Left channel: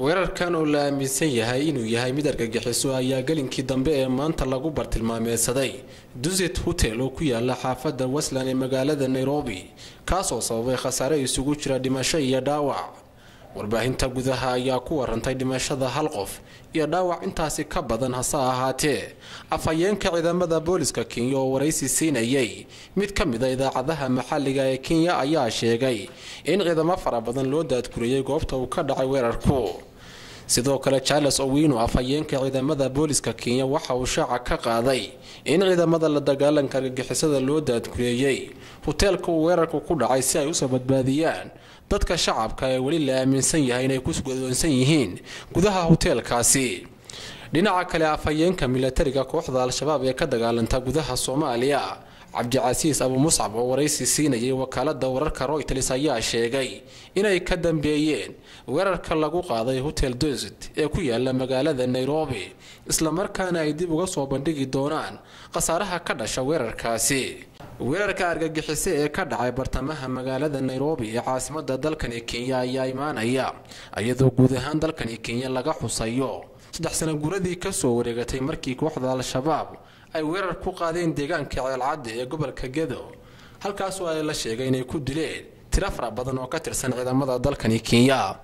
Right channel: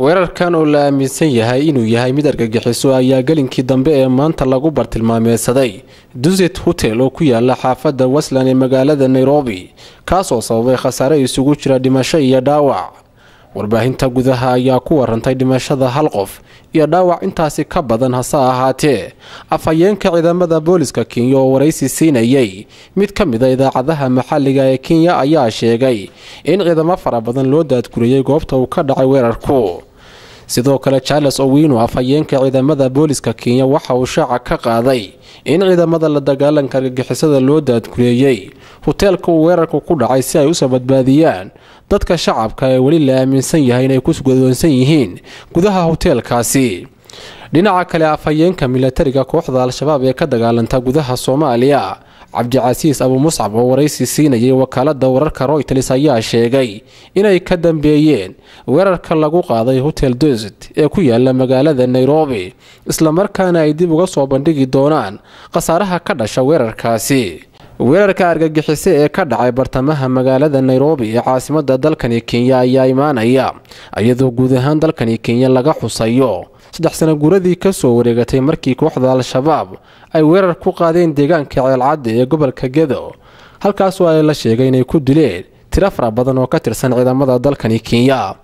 weerarkan oo la aaminsan yahay inuu yahay mid argagixiso ayaa galinkii dambe ee maanta lagu bartilmaameedsaday Dusit Hotel oo ku yaala xaafadda Westland ee magaalada Nairobi kaas oo sababay khasaare isugu jira dhimasho iyo dhaawac. warbaahinta gudaha ayaa ku warantay dhimashada hal qof iyo dhaawac intaasi ka badan hase ahaatee afhayeenka ciidamada booliska Kenya oo waraysi siinayay mid ka mid ah idaacadaha maxalliga ee Kenya ayaa sheegay in ciidamo fara badan loo daadguriyay goobta uu ka dhacay weerarku. sidoo kale Charles Owino afhayeenka ciidamada booliska Kenya waxa uu shaaca ka qaaday in ciidamada la dagaalanka argagixisada loo daadguriyay hotelka uu weerarku ku dhacay si ay u sabadbaadiyaan dadka shacabka ee wali la aaminsan yahay inay ku sugadoonsan yihiin gudaha hotelkaasi. dhinaca kale afhayeenka militariga kooxda Al-Shabaab ee ka dagaalanta gudaha Soomaaliya Cabdicasiis Abu Muscab oo waraysi siinayay wakaalada wararka Reuters ayaa sheegay inay ka dambeeyeen weerarka lagu qaaday Hotel Dusit ee ku yaala magaalada Nairobi isla markaana ay dib uga soo bandhigi doonaan khasaaraha ka dhashay weerarkaasi. weerarka argagixisay ee ka dhacay bartamaha magaalada Nairobi ee caasimadda dalkani Kenya ayaa imaanaya iyadoo guud ahaan dalkani Kenya laga xusayo 3 sano guuradii ka soo wareegatay markii kooxda Al-Shabaab ay weerar ku qaadeen deegaanka Ceelcadde ee gobolka Gedo halkaas oo ay la sheegay inay ku dileen tiro fara badan oo ka tirsan ciidamada dalkani Kenya.